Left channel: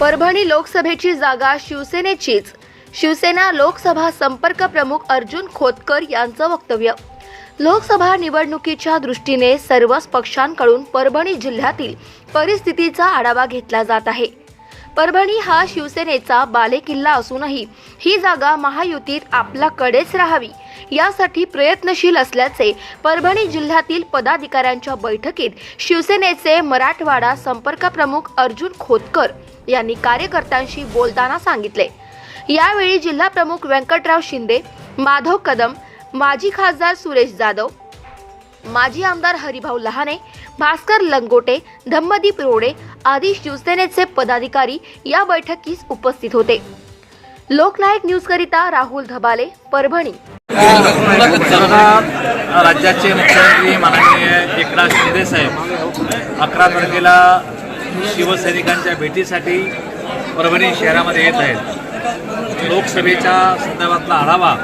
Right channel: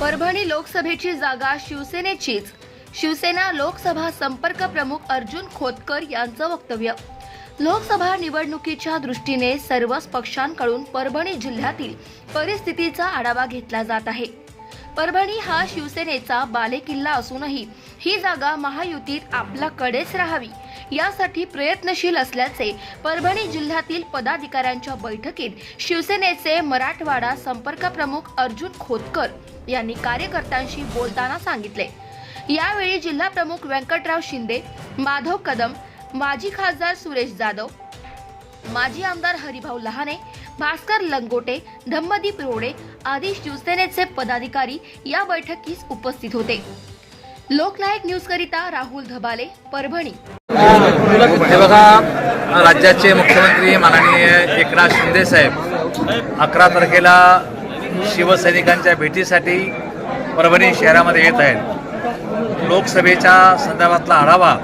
परभणी लोकसभेची जागा शिवसेनेचीच. शिवसेना लोकसभा संपर्क प्रमुख अर्जुन खोतकर यांचं वक्तव्य. लोकसभा निवडणुकीच्या दृष्टीने सर्वच पक्षांकडून परभणी जिल्ह्यातील परिस्थितीचा आढावा घेतला जात आहे. परभणी हा शिवसेनेचा बालेकिल्ला असूनही ही जागा महायुतीत आपल्याकडेच राहावी यासाठी प्रयत्नशील असल्याचे परभणी जिल्ह्यातील पदाधिकाऱ्यांच्या बैठकीत शिवसेनेचे मराठवाडा संपर्क प्रमुख अर्जुन खोतकर यांनी कार्यकर्त्यांशी बोलताना सांगितले. यावेळी जिल्हा प्रमुख व्यंकटराव शिंदे माधव कदम माजी खासदार सुरेश जाधव माजी आमदार हरिभाऊ लहाने भास्कर लंगोटे धम्मदीप रोडे आदी शिवसेनेचे पदाधिकारी या बैठकीस उपस्थित होते. लोकनायक न्यूज करिता राहुल धबाले परभणी. बघा राज्याचे मुख्यमंत्री माननीय एकनाथ शिंदे साहेब अकरा तारखेला शिवसैनिकांच्या भेटीसाठी परभणी शहरामध्ये येत आहेत. लोकसभेच्या संदर्भातला आढावा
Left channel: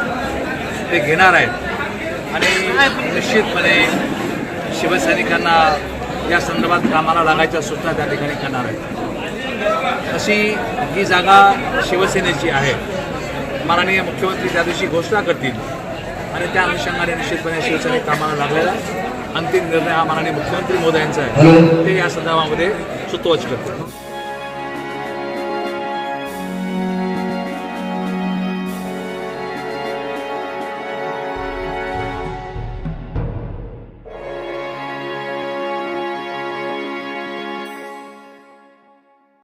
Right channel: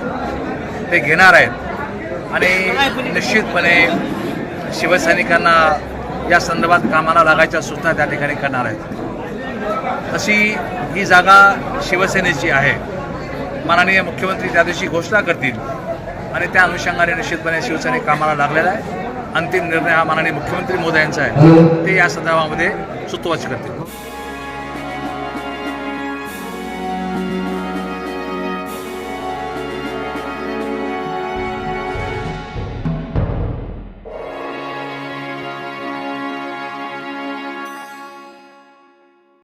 ते घेणार आहेत. आणि निश्चितपणे शिवसैनिकांना या संदर्भात कामाला लागायच्या सूचना त्या ठिकाणी करणार आहेत. अशी ही जागा शिवसेनेची आहे. माननीय मुख्यमंत्री त्या दिवशी घोषणा करतील. आणि त्या अनुषंगाने निश्चितपणे शिवसैनिक कामाला लागलेला आहे. अंतिम निर्णय हा माननीय मुख्यमंत्री मोदयांचा आहे. ते या संदर्भामध्ये सुतोवाच करतील.